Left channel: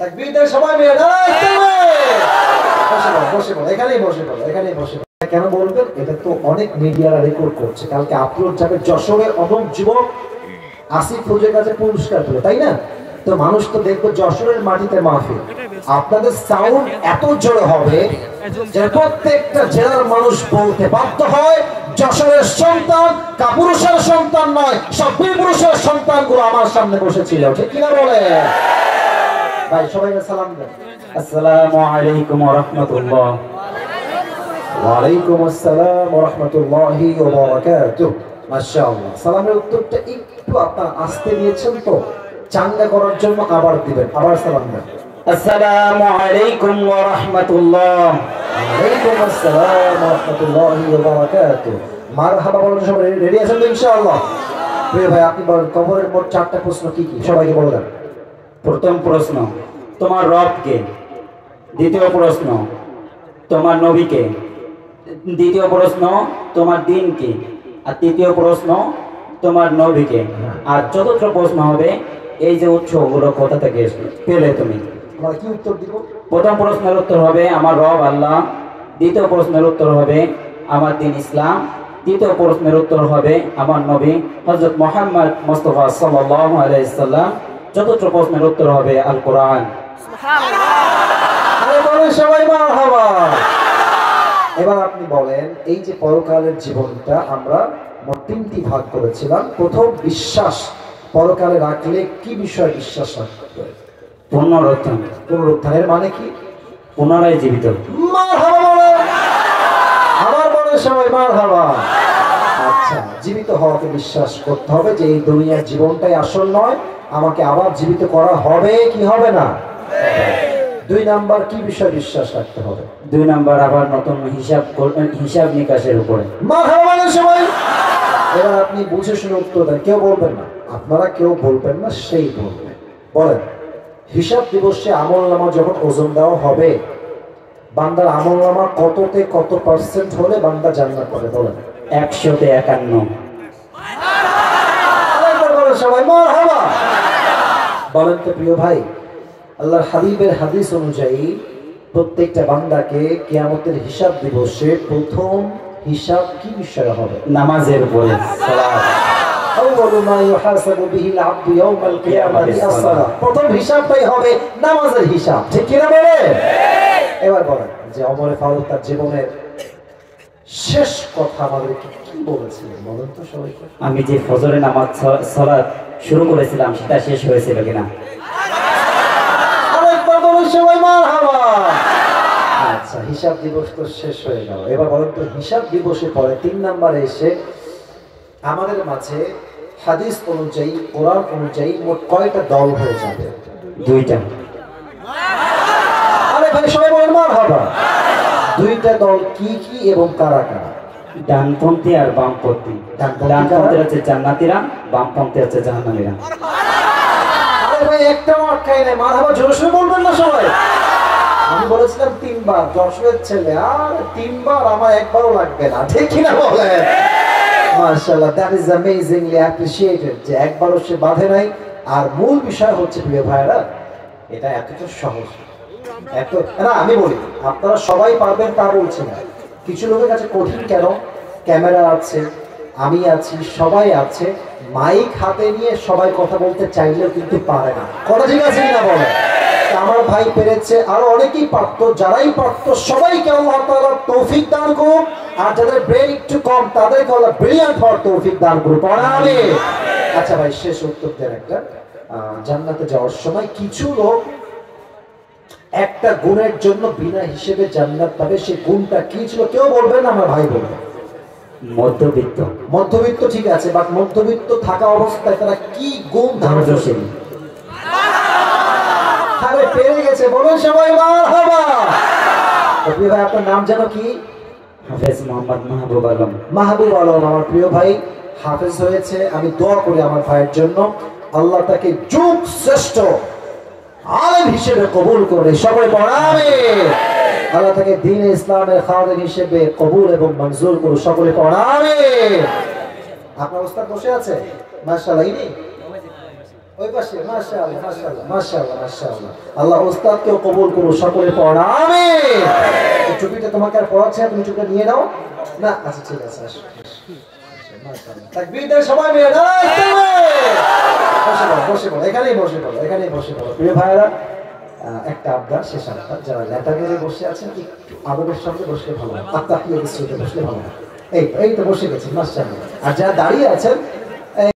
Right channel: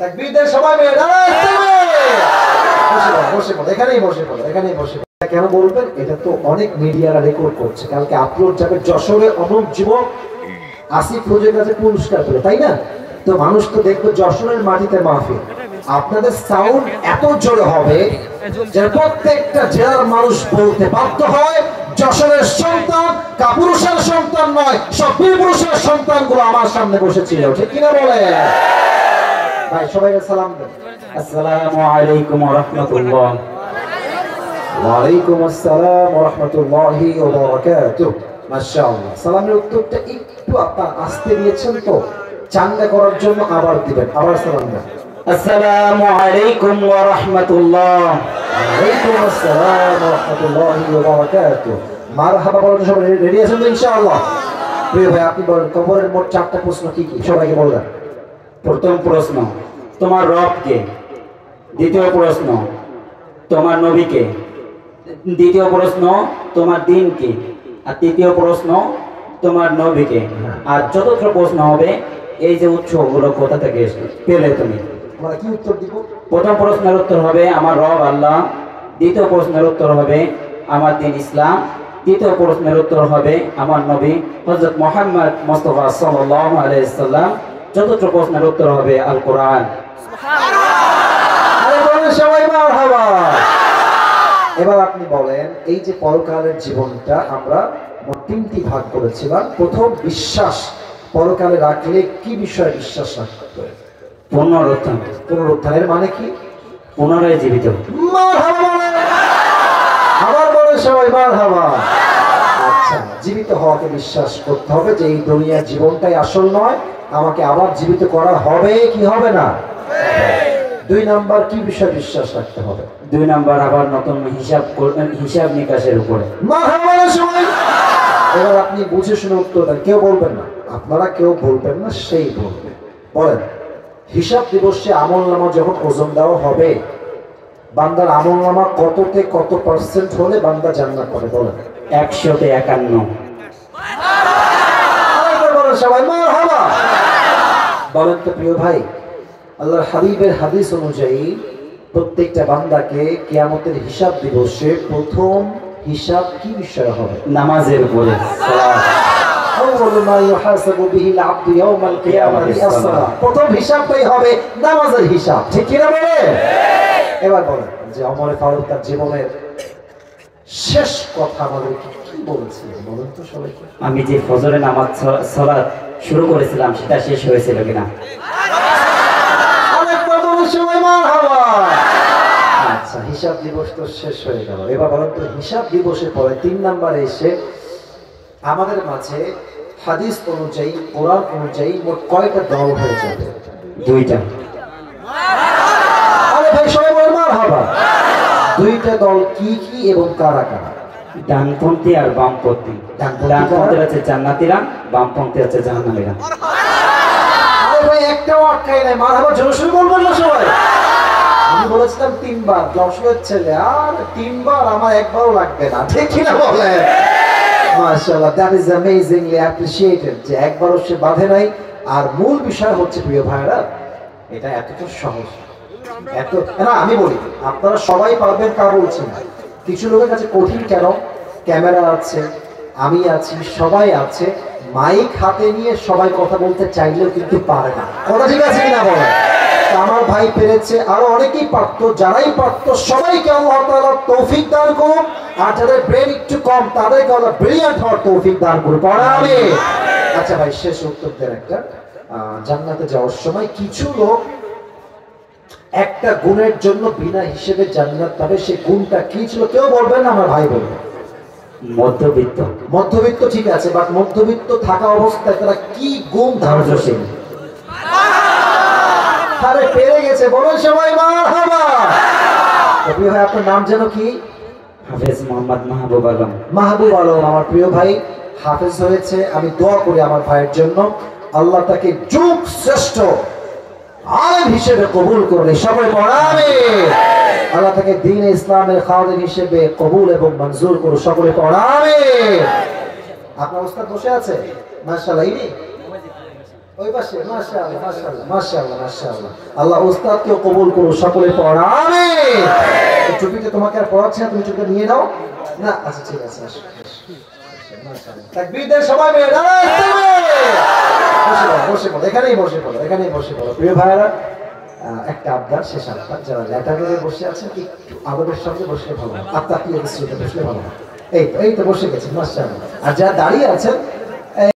তাকবীর দিয়ে সবাই মিলে নারায়ে তাকবীর। বসে বলো, এখানেই বসে বলো, এখানেই বসে। কেন বলবেন? এটা তো অনেক মিডিয়ারা রেকর্ড করছে, কালকে আপলোড যাবে। যশোরে অনেক যুবক আসিফ ফৌজের কাছে পুরস্কার পেল, তাই না? তো মানুষ তো দেখবে যশোরের মাটিতে মাহফিল। আপনাদের সাউন্ড এত জোরে হবে যে প্রত্যেকটা জেলার মানুষ বলতে বাধ্য হয় যশোরের সন্তান কাপুরুষের সন্তান নয়, সব বীরপুরুষের সন্তানগুলো আমার সামনে বসেছিল। ঠিক কিনা বলে? ভাই সবাইকে সালাম দেন। আসসালামু আলাইকুম ওয়া রাহমাতুল্লাহ। ওয়া আলাইকুম আসসালাম ওয়া রাহমাতুল্লাহি ওয়া বারাকাতুহু। মাশাআল্লাহ। সালামের উত্তরটা একটু আপনারা আস্তে দিয়েছেন, তো চাঙ্গা করার জন্য আবার দিবেন। আবার সালাম দেন। আসসালামু আলাইকুম ওয়া রাহমাতুল্লাহ। ওয়ালাইকুম আসসালাম ওয়া রাহমাতুল্লাহি ওয়া বারাকাতুহু। মারহাবা বলেন সবাই। রেডি আছেন তো ইনশাআল্লাহ? প্রিয় ভাই, আপনি বলেন কবরের মোট 4টা প্রশ্ন কি কি? সবাইকে বলেন। প্রথম প্রশ্ন, তোমার রব কে? দ্বিতীয় প্রশ্ন, তোমার নবী কে? দ্বিতীয় প্রশ্ন, তোমার দ্বীন কি? আর তৃতীয় প্রশ্ন, তোমার নবী কে? আর চতুর্থ প্রশ্ন হবে এই যে উৎসগুলো কোথা থেকে পেলে তুমি? আমরা কি উত্তর দিব? প্রথম প্রশ্নের উত্তর হবে আমার রব আল্লাহ, দ্বিতীয় প্রশ্নের উত্তর হবে আমার দ্বীন ইসলাম, তৃতীয় প্রশ্নের উত্তর হবে আমার নবী হযরত মুহাম্মদ মুস্তাফা সাল্লাল্লাহু আলাইহি ওয়াসাল্লাম, চতুর্থ প্রশ্নের উত্তর হবে আল কোরআন। সুবহানাল্লাহ। আরে বলেন সবাই মারহাবা। এবার আপনি বলেন, এই যে পরকালের জীবনটা আমরা মোট 3টি ভাগ করেছিলাম। প্রথম, বিশ্বাস। পরকালে রাখলে কি বিষয়ে বিশ্বাস রাখতে হবে? পুনরুত্থান। পুনরুত্থানের মানে কি? পুনরায় জীবিত। মারহাবা বলেন। আবার বলেন সবাই মারহাবা। আচ্ছা, জীবিত হওয়াকে বিশ্বাস করতে হবে যে এই দুনিয়ার জীবনটাই আসল নয়, আমাকে আবার জীবিত করা হবে কি হবে না? 2 নাম্বার কি বিষয় বিশ্বাস রাখতে হবে? 2 নাম্বার আবার নতুন হিসাব করবেন, হিসাব নিকাশের উপরে। মারহাবা বলেন সবাই। এবার আপনি বুঝে শুনে উত্তর দেন, কেউ বলবেন না, আপনারা কেউ বলবেন না, সেই বলবে। বলেন, হিসাব দিবসে আমলনামা যখন ওজন দেওয়া হবে, বান্দার আমলনামা কততে কত পার্সেন্ট হলে বান্দা জান্নাত পাবে? বলেন। 100-তে 51। সবাই মারহাবা বলেন। তো প্রিয় ভাই, আল্লাহর হাবিবের হাদিস অনুযায়ী প্রত্যেকটা বান্দাকে কিয়ামতের হিসাব দিবসে প্রথম হিসাব কি বিষয় হবে? নামাজের উপরে। প্রথম হিসাবটাই হবে নামাজের হিসাব। ঠিক কিনা বলে? এবার বলেন যে ওমর ফারুক তার জীবনের শেষ কথা আমাদেরকে কি বলেছিলেন? বলুন তো সবাইকে। আমি যে ফজরের নামাজ সালাত শুরু করেছিলাম সেটা শেষ হয়েছিল কিনা? আরেকবার বলুন সবাই মারহাবা। আচ্ছা, হিসাব দিবস তো শেষ হয়ে গেল। এবার বলেন তো, হিসাব দিবসের পরে 3 নম্বরে এসে আমাদের মাঝে হাদিস অনুযায়ী, কোরআন অনুযায়ী মোট কয়টা দল হয়ে যাবে? 2টা। আরে ভাই সবাই বলেন মারহাবা। 2টা দল কি কি এবং কারা কারা? ডানপন্থী আর বামপন্থী। ডানপন্থী হচ্ছে জান্নাতীরা, বামপন্থী হচ্ছে জাহান্নামীরা। আরে ভাই একটাও আটকাই নাই, মারহাবা জোরে বলবেন না সবাই। আমি বলেছিলাম 3 বার, যশোরের ছেলে, আর 3 বার আমার একবারও লাগবে না। ঠিক কিনা বলেন? মাশাআল্লাহ, দ্যাট ইজ অ্যামেজিংলি অ্যাপ্রিশিয়েটেড যে একবারও সে বাধে নাই। আর মূল বিষয় হচ্ছে প্রিয় ভাইরা, এটা এতটা সহজ এত না। আমি বলি আপনারা সবাই পারবেন তা বলছি না, কিছু লোকের কাছে কঠিন। কেন? ক্যামেরা আছে, আমি আছি, সবাই আছে, মাইক হাতে নিয়ে সবাই কথা বলতে চাইলেও কিন্তু পারে না। কথা ঠিক আছে কিনা বলেন? আমার ভাই পেরেছে, আরো অনেকেই পারতো। যারাই পারতো সবাইকে আল্লাহ তাআলা তৌফিক দান করুন, আর যাদের ব্রেন একটু কম তাদেরকে আল্লাহ ব্রিলিয়ান্ট হওয়ার তৌফিক দান করুন। আমিন। আচ্ছা ভাই, শেষ উত্তর দেন একটা। জান্নাতে যাওয়ার সময় কিছু লোক একটা গুণের জন্য বিনা হিসেবে জান্নাত পাবে, সেই গুণটা কি ছিল? কেউ বলবেন না, আমার ভাই বলবেন। মধ্যবিত্ত। মধ্যবিত্ত ঠিক আছে, বাট মধ্যবিত্ত থাকা অবস্থায় তারা কি গুণ ধৈর্যশীল। আরে পেরে গেছে, বলুন সবাই মারহাবা। প্রিয় ভাই, আপনার নাম যেন কি? হাফেজ মোহাম্মদ মাহবুব আলম। মাহবুব আলম আমার প্রিয় ভাই হাফেজ হয়েছে। আমি দোয়া করি আমার ভাইয়ের জন্য, আল্লাহ তাকে যুগ শ্রেষ্ঠ আলেম হিসেবে কবুল করে। সবাই পড়াবে। আল্লাহ তাকে দ্বীন ইসলামের খাদেম হিসেবে কবুল এবং মঞ্জুর করে। সকলে পড়াবে। আপনার ওস্তাদ বসে আছে মাশাআল্লাহ। ইনি ওই পাশে মাশাআল্লাহ মাশাআল্লাহ মাশাআল্লাহ মাশাআল্লাহ। আল্লাহ উস্তাদকে কবুল করুন, সকলে পড়া আমিন। এই টুপিটা তোমাকে আর পড়াচ্ছে না, তুমি টুপিটা নিয়ে নাও না। আচ্ছা ঠিক আছে, আসো মাশাআল্লাহ। তাকবীর দেন সবাই মিলে, নারায়ে তাকবীর। বসে পড়ো, এখানেই বসে পড়ো, এখানেই বসে পড়ো। প্রিয় ভাইরা, একটা আবদার, শেষ আবদার, যারা লেটারে বসে আছেন একটু আদবের সঙ্গে বসলে ভালো, আপনার প্রিয় বসলে ভালো। এই তো বসে গেছেন মাশাআল্লাহ। আর যারা দাঁড়িয়ে আছেন